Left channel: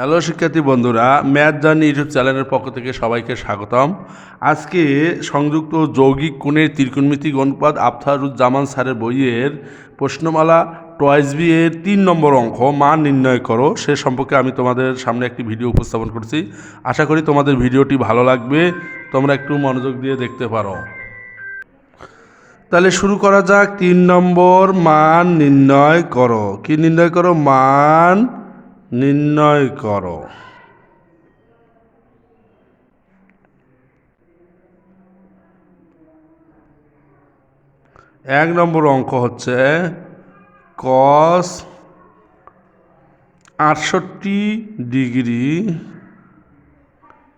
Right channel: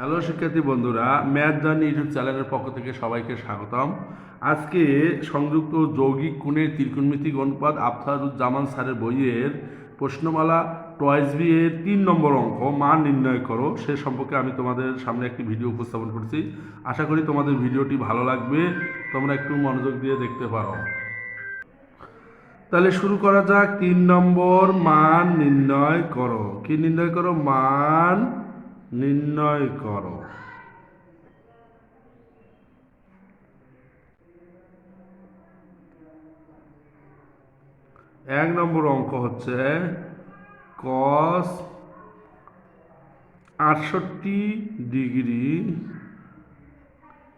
Hello শিক্ষার্থী বন্ধুরা, math journey YouTube চ্যানেলের পক্ষ থেকে সবাইকে স্বাগতম। আজকে সংযুক্ত যৌগিক কোণের ত্রিকোণমিতিক অনুপাত আফতারুজ্জামান স্যারের বইয়ের প্রশ্নমালা, টয়েস বি এর তিন নম্বর অঙ্ক, মান নির্ণয় করো, সে সম্পর্কে আমি তোমাদের সামনে একটি ভিডিও উপস্থাপন করছি। আশা করি তোমাদের ভিডিওটি ভালো লাগবে, তোমরা একটু মনোযোগ দিয়ে দেখতে পারো। তাহলে শুরু করা যাক, তিন নম্বর মান নির্ণয় করো। কি নির্ণয় করো? মান নির্ণয় করো। এক নম্বর অঙ্ক হচ্ছে কস আটষট্টি ডিগ্রি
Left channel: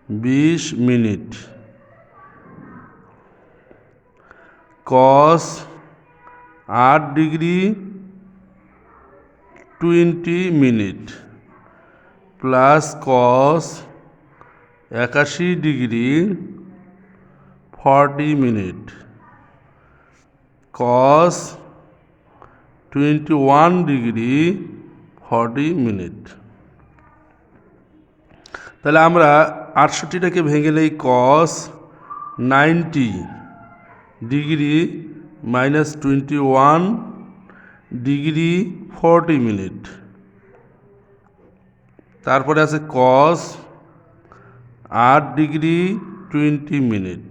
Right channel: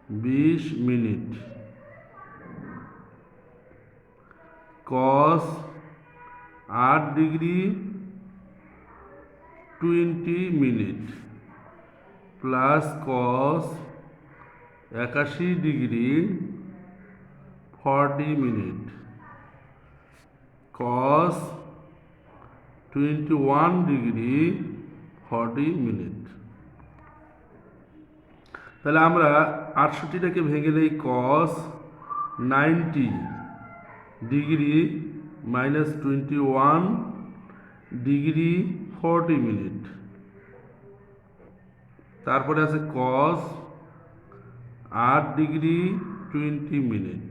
বিশ মিনিট। কস আট degree twenty minute. Plus cos একাশি degree forty minute. Cos twenty one degree forty minute. তাহলে আমরা আটষট্টিটাকে ভেঙে নেই cos ninety degree minus twenty one degree forty minute. তারপরে আছে কস আট degree twenty minute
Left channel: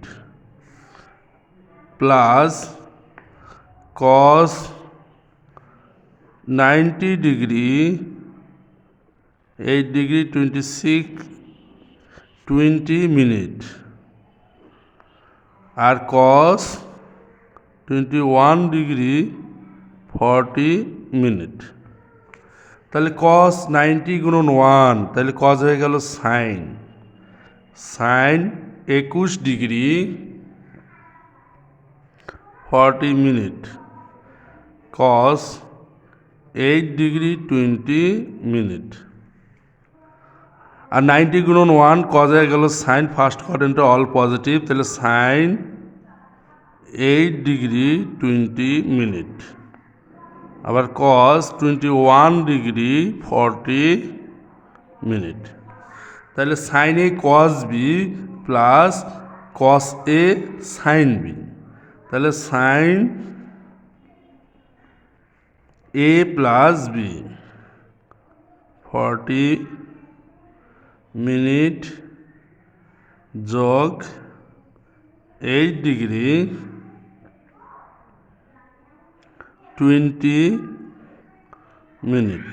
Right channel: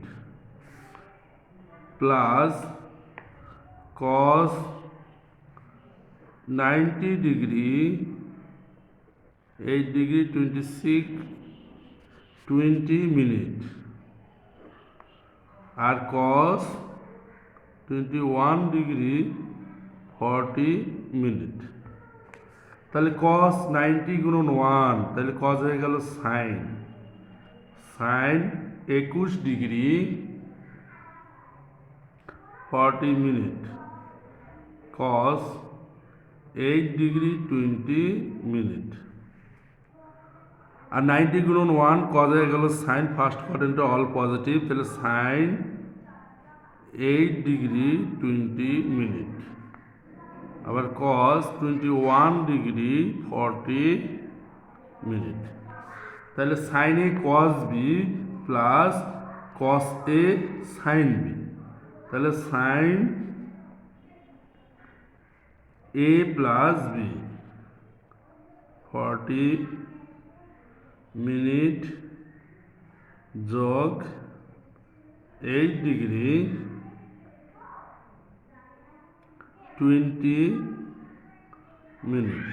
plus cos ninety degree eight degree twenty six twenty minute আর cos twenty one degree forty minute. তাহলে cos ninety গুণন one, তাহলে cos হয়ে গেল sine sine একুশ degree forty minute. Cos eight degree twenty minute. আর ninety গুণন one cos হয়ে গেল sine first কোয়াড্রেন্টে অল পজিটিভ তাহলে sine eight degree twenty minute. আবার cos twenty one degree forty minute তাহলে sine A cos B plus cos A sine B তাহলে sine A plus B forty minute যোগ eight degree twenty minute.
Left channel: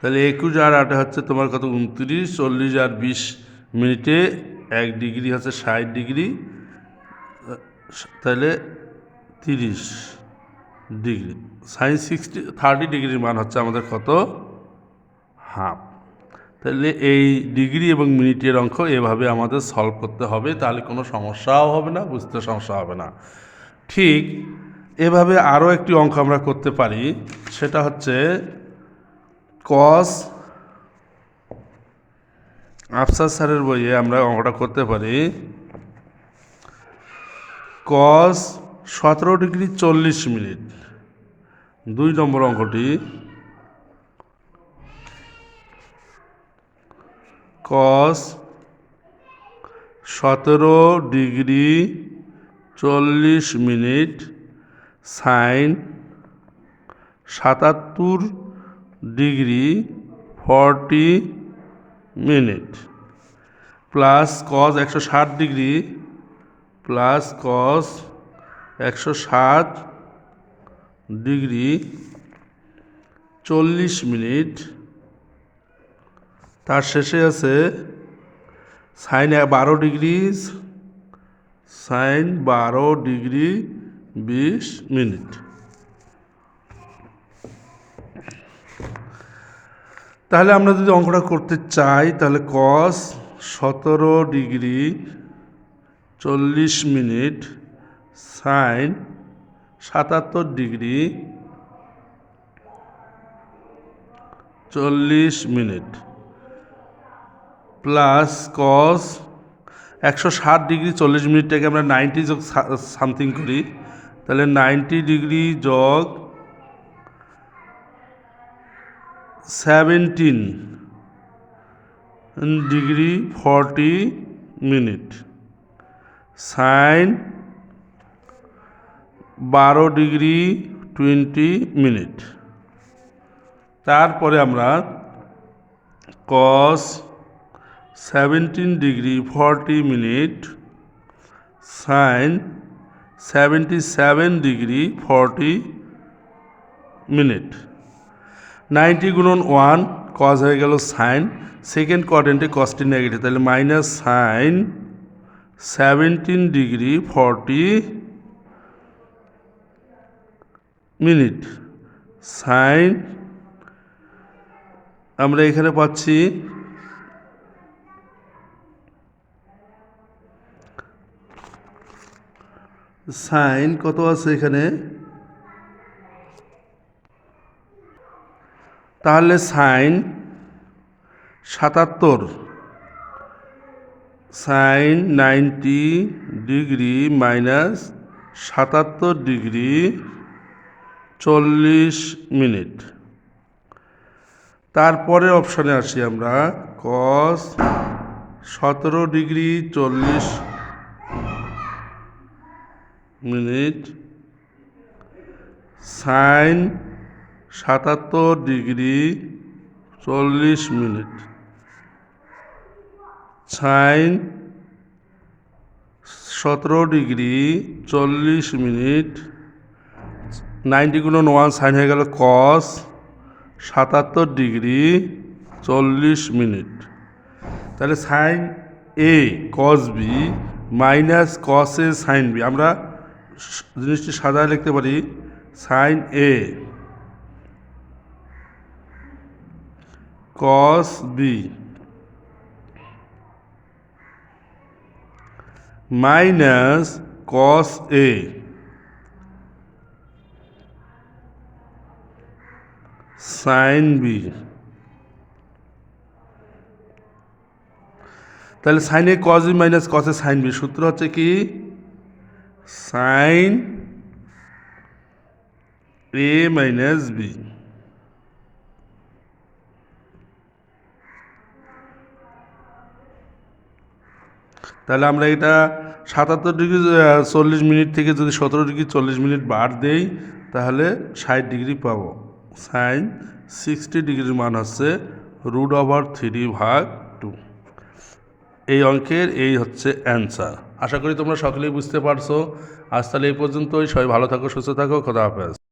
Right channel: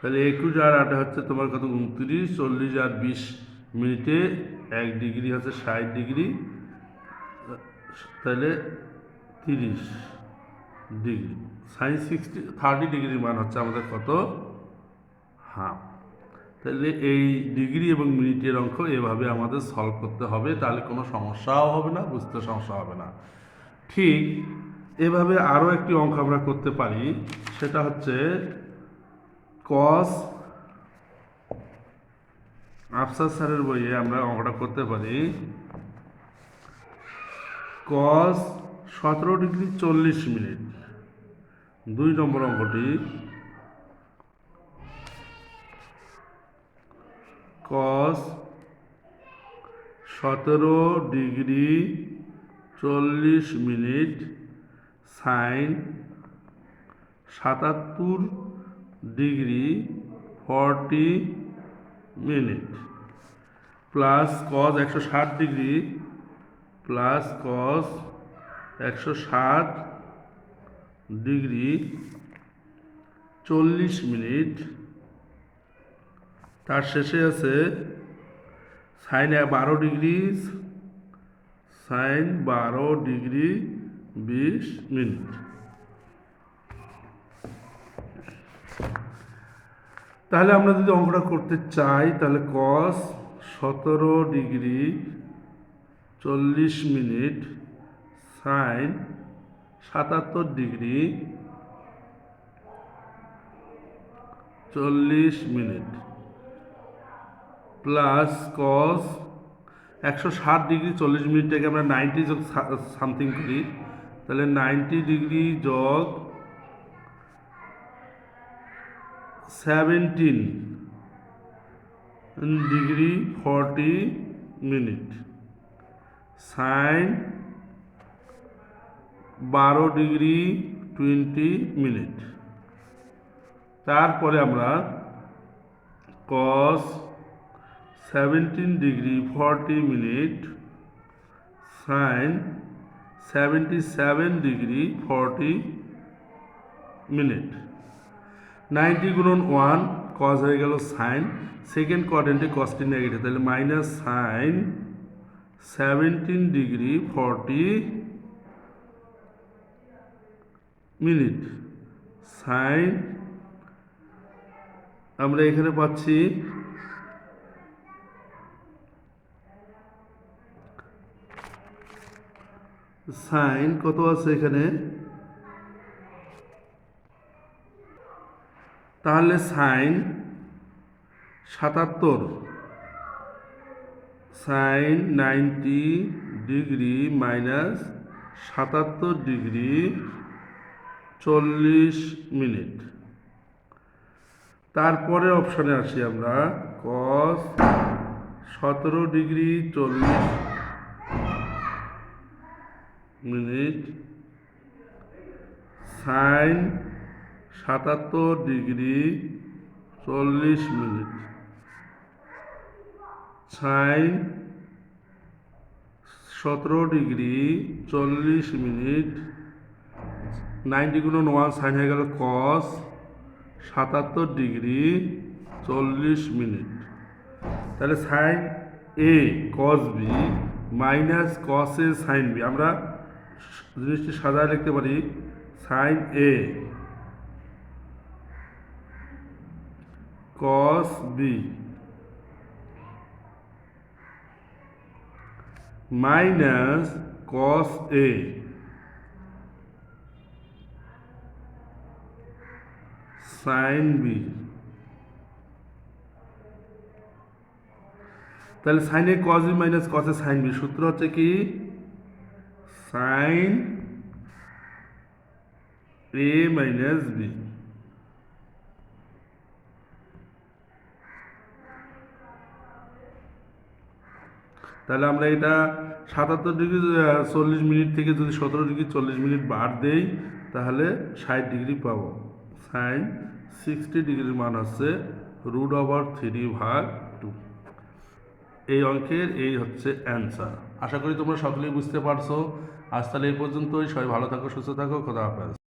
তাহলে একুশ আর আটে হচ্ছে তোমার কত? উনত্রিশ, চল্লিশ আর বিশ মিনিটে এক ডিগ্রি হচ্ছে ষাট ডিগ্রি, তাহলে তিরিশ ডিগ্রি। সাইন সিক্সটি, থার্টি ডিগ্রির মান হচ্ছে আমাদের কত? হাফ। তাহলে এই ডিগ্রি এবং মিনিটের অঙ্ক এভাবে আমাদের সলভ করতে হবে, তাহলে কোনো সমস্যাও হবে না, বুঝতে সমস্যা হবে না। ঠিক এভাবে আরও একটি অঙ্ক আমরা করতে পারি, সেটা হচ্ছে কস আফসার স্যারের বইয়ে আমরা অঙ্কটা করতে পারি। কস সতেরো ডিগ্রি চল্লিশ মিনিট, দুই নম্বর অঙ্কটি। কস সতেরো ডিগ্রি চল্লিশ মিনিট সাইন সাতাত্তর degree forty minute plus cos একশো ষাট ডিগ্রি প্লাস কস একশো ষাট ডিগ্রি চল্লিশ মিনিট। তার শেষে আছে সাইন বারো ডিগ্রি, সাইন বারো ডিগ্রি বিশ মিনিট। তাহলে আমরা যদি অঙ্কটা করতে চাই, তাহলে কস সতেরো ডিগ্রি চল্লিশ মিনিট সাইন সাতাত্তর ডিগ্রি চল্লিশ মিনিট প্লাস কস একশো ষাট ডিগ্রি চল্লিশ মিনিটটাকে আমরা নাইনটি সামথিং করি। তাহলে নাইনটি ডিগ্রি যোগ seventeen degree forty minute. Sine বারো ডিগ্রি টোয়েন্টি মিনিট। তারপরে আমরা cos seventeen degree forty minute, sine seventy seven degree forty minute. Ninety গুণন ওয়ান কজ হয়ে গেল সাইন সেকেন্ড কোয়াড্রেন্টে কসটি নেগেটিভ তাহলে minus sine seventeen degree forty minute. Sine আমরা এখানে পাচ্ছি সাইন কত আছে এখানে? তাহলে সাইন সাতাত্তর। সাইন নাইনটি ডিগ্রি মাইনাস সাতাত্তর ডিগ্রি চল্লিশ মিনিট। তারপরে অপশানে আসি আমরা। কস সতেরো ডিগ্রি চল্লিশ মিনিট সাইন সাতাত্তর ডিগ্রি চল্লিশ মিনিট। সাইন সতেরো ডিগ্রি চল্লিশ মিনিট। নাইনটি গুণন ওয়ান সাইন হয়ে গেল কস সাতাত্তর ডিগ্রি চল্লিশ মিনিট। তাহলে sine A cos B minus cos A sine B আমরা জিনিসটি সাজায় লিখতে পারি sine A cos B minus cos A sine B তাহলে sine A cos B minus cos A sine B সূত্র হচ্ছে কি? সাইন এ মাইনাস বি তাহলে আমরা এটা সাতাত্তর ডিগ্রি চল্লিশ মিনিট থেকে যদি সতেরো ডিগ্রি চল্লিশ মিনিট বার দেই, তাহলে ষাট ডিগ্রি পাবো। সাইন সিক্সটি ডিগ্রির মান হচ্ছে রুট ওভার থ্রি ভাগ টু এই অঙ্কের এই হচ্ছে অ্যান্সার আশা করি তোমরা সকলেই বুঝতে পারছ। আজ তাহলে এই পর্যন্তই। সবাই ভালো থাকো, সুস্থ থাকো। খোদা হাফেজ।